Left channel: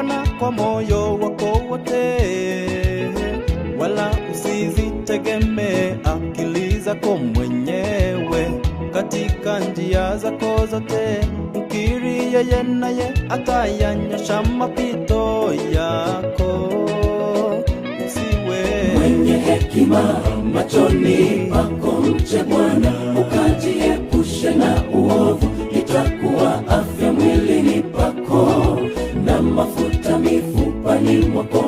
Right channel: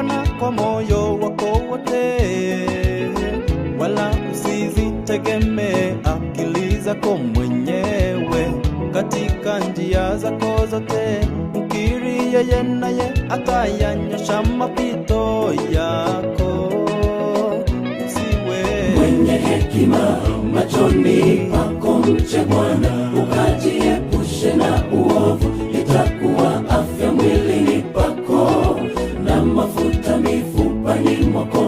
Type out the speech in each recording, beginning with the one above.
Bwana kwa moyo wako wote, wala usizitegemee akili zako mwenyewe. Katika njia zako zote mkiri yeye, naye atayanyosha mapito yako. Usiwe mwenye hekima machoni pako, mche Bwana ukajiepushe na uovu. Itakuwa afya mwilini pako na mafuta mifupani mwako.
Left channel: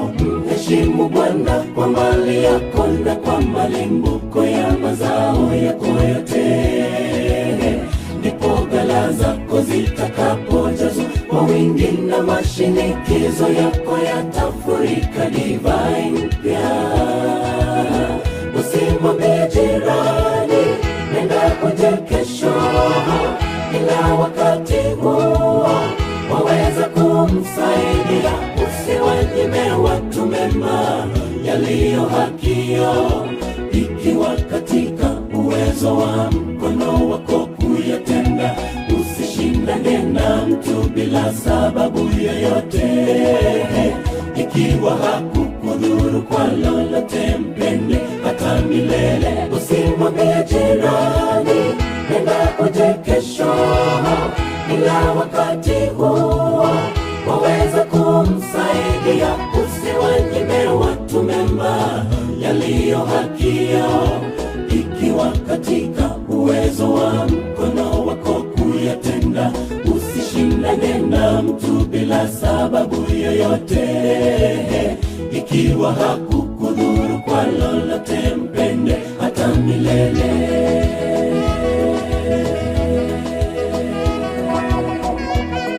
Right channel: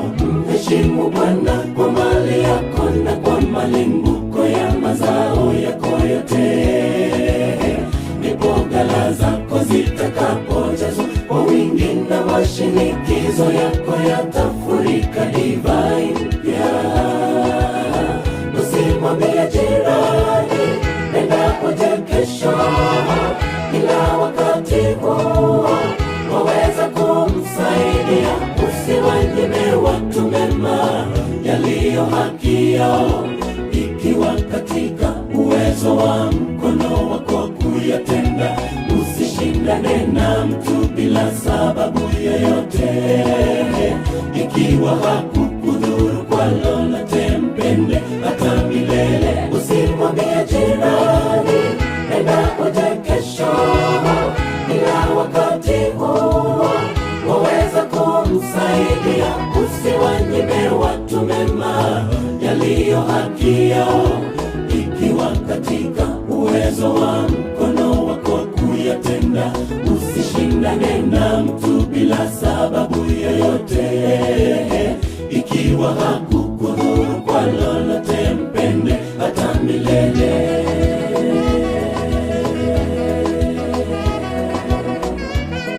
Mheshimu Bwana kwa mali yako na kwa malimbuko ya mazao yako yote, ndipo ghala zako zitakapojazwa kwa wingi na mashinikizo yako yatafurika divai mpya. Usimwambie jirani, nenda uje kesho, ila wakati huo waweza kumsaidia. Usiwanyime watu mema yaliyo haki yao, ikiwa katika uwezo wa mkono wako kuyatenda. Usishindane na mtu bila sababu yoyote, ikiwa hakukudhuru kwa lolote, mpende hata milele. Usimwambie jirani, nenda uje kesho, ila wakati huo waweza kumsaidia. Usiwanyime watu mema yaliyo haki yao, ikiwa katika uwezo wa mkono wako kuyatenda. Usishindane na mtu bila sababu yoyote, ikiwa